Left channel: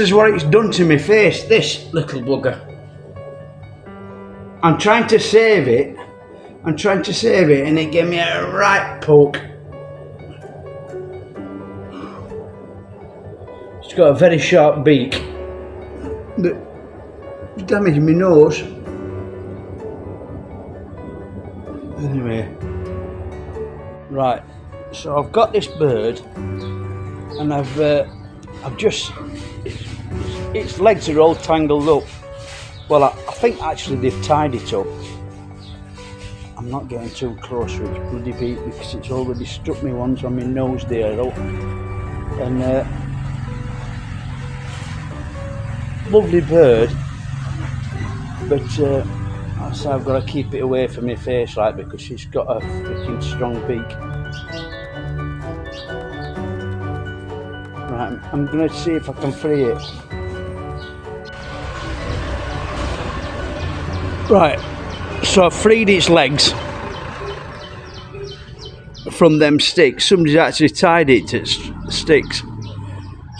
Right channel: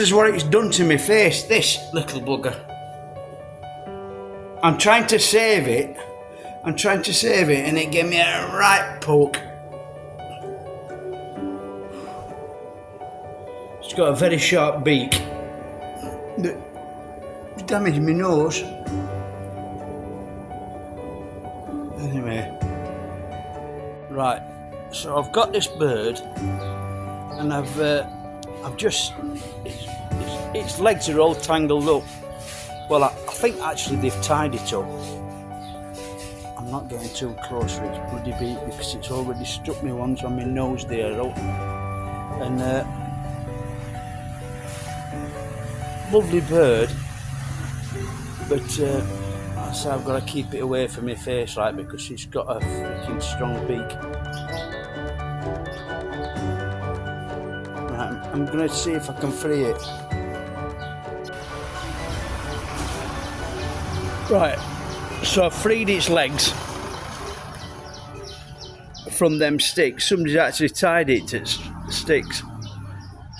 This is what it's done to my face, this little bugger. I'm trying to save it. And it gave me a right poke. It's got a very sharp beak that damaged my nose. Anyway, right, so I've got this bird and I've just, its legs are all tangled up. Well, I think actually they've tied it up. I'm not getting too close to its bloody beak because it's already struck me once on my nose there. And lovely bird, but so I've got to keep it away from my face, right, because it's got a freaking strong beak. Right, I'm going to see if I can free it. Right, so I've freed its legs from them sticks. Somebody's actually tied it to sticks.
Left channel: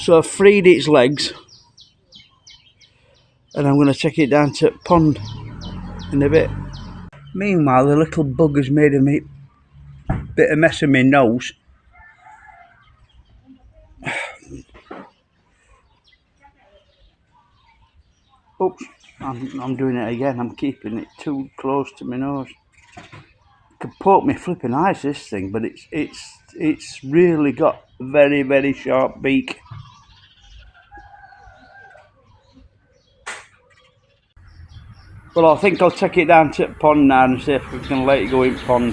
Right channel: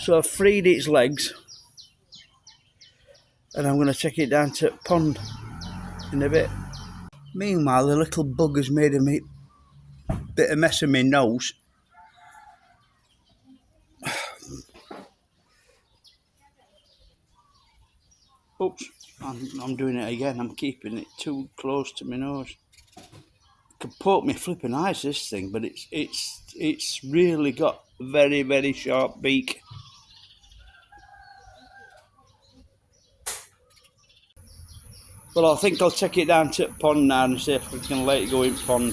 So I've freed its legs and I'm going to take it down to the pond in a bit. Meanwhile, the little bugger's made a bit of mess of my nose. Oops, I'm doing it again. I'm keeping it too close to my nose. It could poke me flipping eyes, this thing, but it's really got a very, very sharp beak. Well, I think I'll take it down to the pond now and see if we can let it go in pond.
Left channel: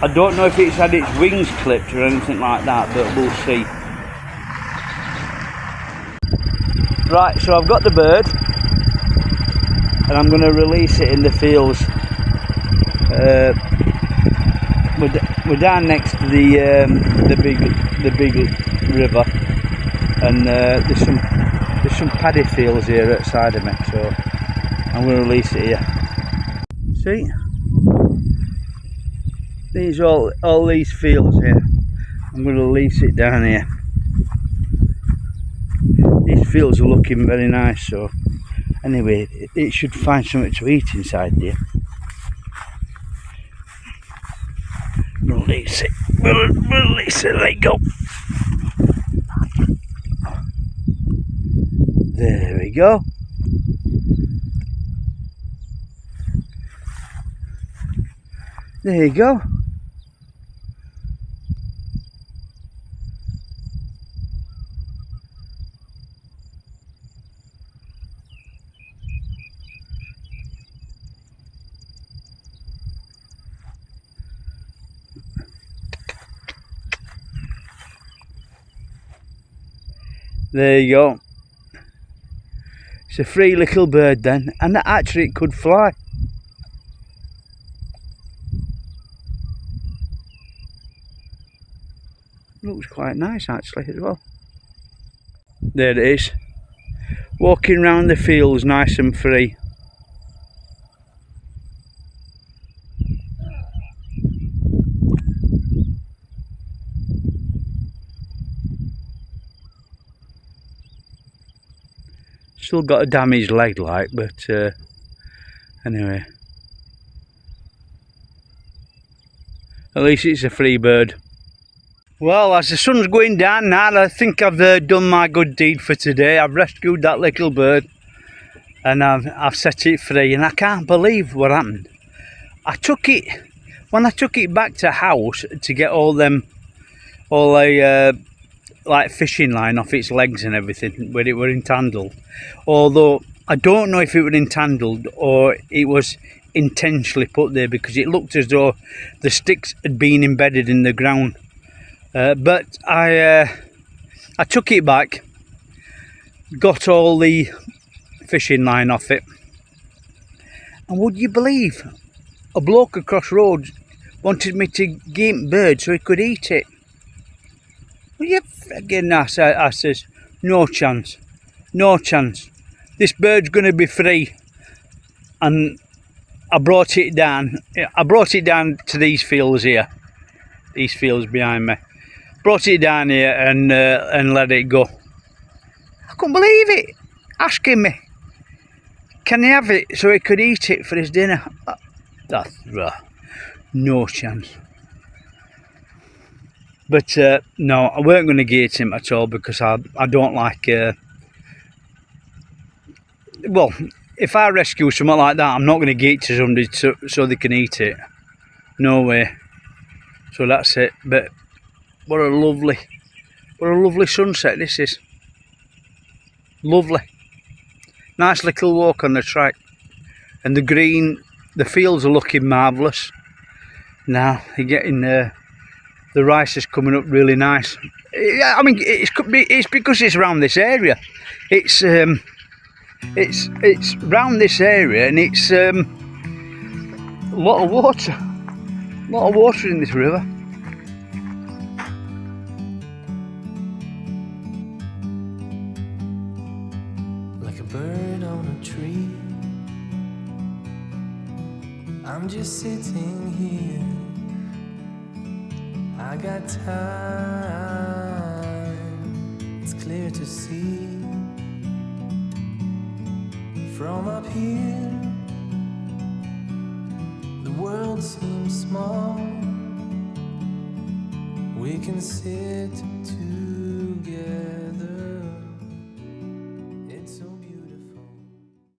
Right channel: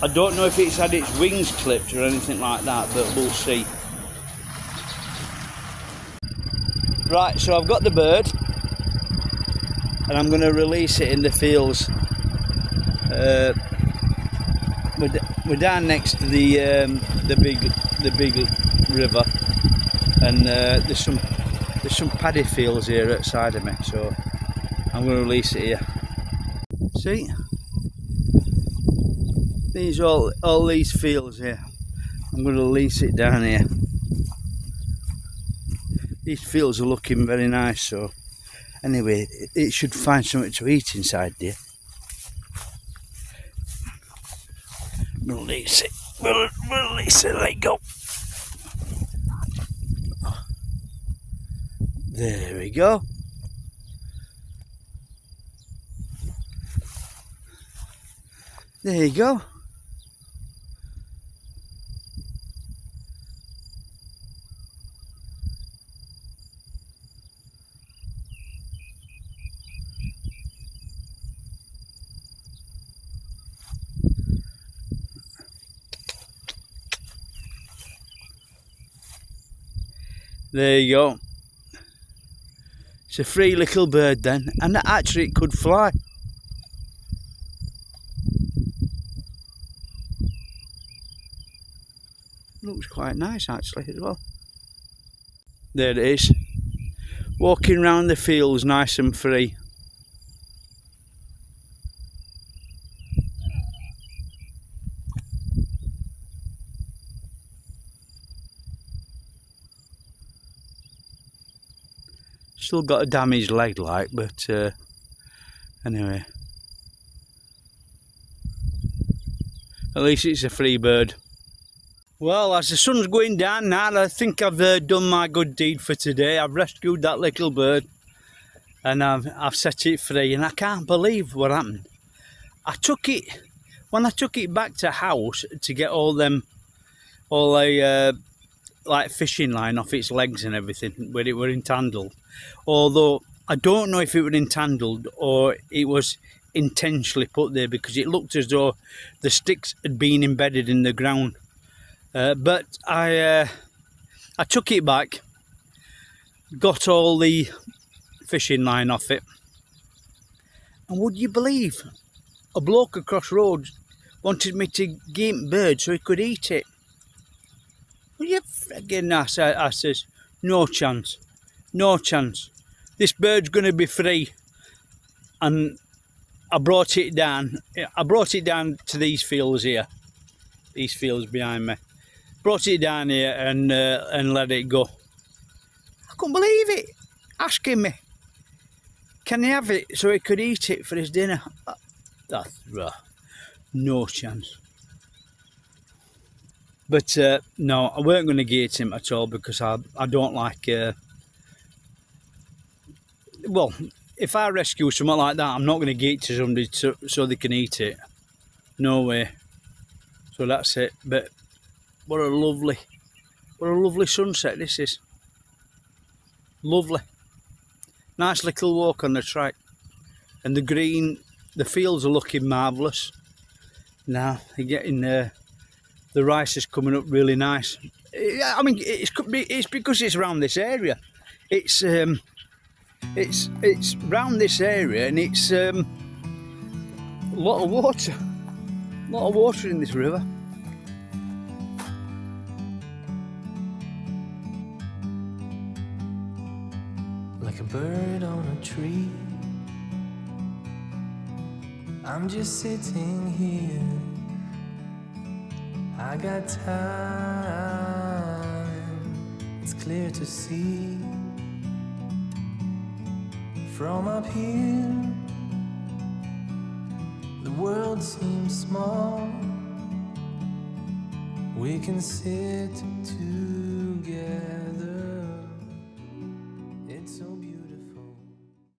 I don't know if it's had its wings clipped or anything like that, but we'll see. Right, so I've got the bird and I'm going to release it in the fields. We're down next to the big river, and there's some paddy fields here outside of me, so I'm going to release it here. See, these all these fields here. I'm going to release it down here. These fields are looking very nice, so anyway, it should find something to eat inside there. Release it, release it, let go. There we go. There you go. There you go. It's a free little bird then, and actually it could fly. Looks quite nice actually as well. There it is, walking around the fields nice and free. Still got a damaged leg like, but anyway, at least it's a free bird. Well, as the sun's going down now, I think I've done my good deed for today. I've rescued that little bird and I've set it free, and I can't believe what happened. When I took it back to house to get all the like fishing line off its legs and everything where it were entangled, although I don't know if it was entangled or it was intentionally put there, because it looked as though the sticks had been embedded in the ground. But I took it back, got all the fishing line off it, and would you believe, a bloke across road wanted me to give him bird so he could eat it. Well, you friggin' ass, I says, no chance, no chance. This bird's going to be free. And I brought it down to these fields here, these fields behind me, brought it down here and let it go. I couldn't believe it. Asking me, can he have it so he could eat it for his dinner? That's no chance. But no, I weren't going to gate him at all because I don't like. Well, if I rescue something like that, I'm not going to gate to somebody so they can eat it. No way. So that's it. But what a lovely sunset this is. Lovely. Nice little walk on the track. And the green, the fields are looking marvellous. Now you're getting the rice is coming up really nice. I mean, it's because it's around this area. It's round this area, and it's a lot of water. A lot of water in this river. Like a bird on a tree, I'm just sitting here. I got time, it's clear to see. From up here, the world seems small. We can sit together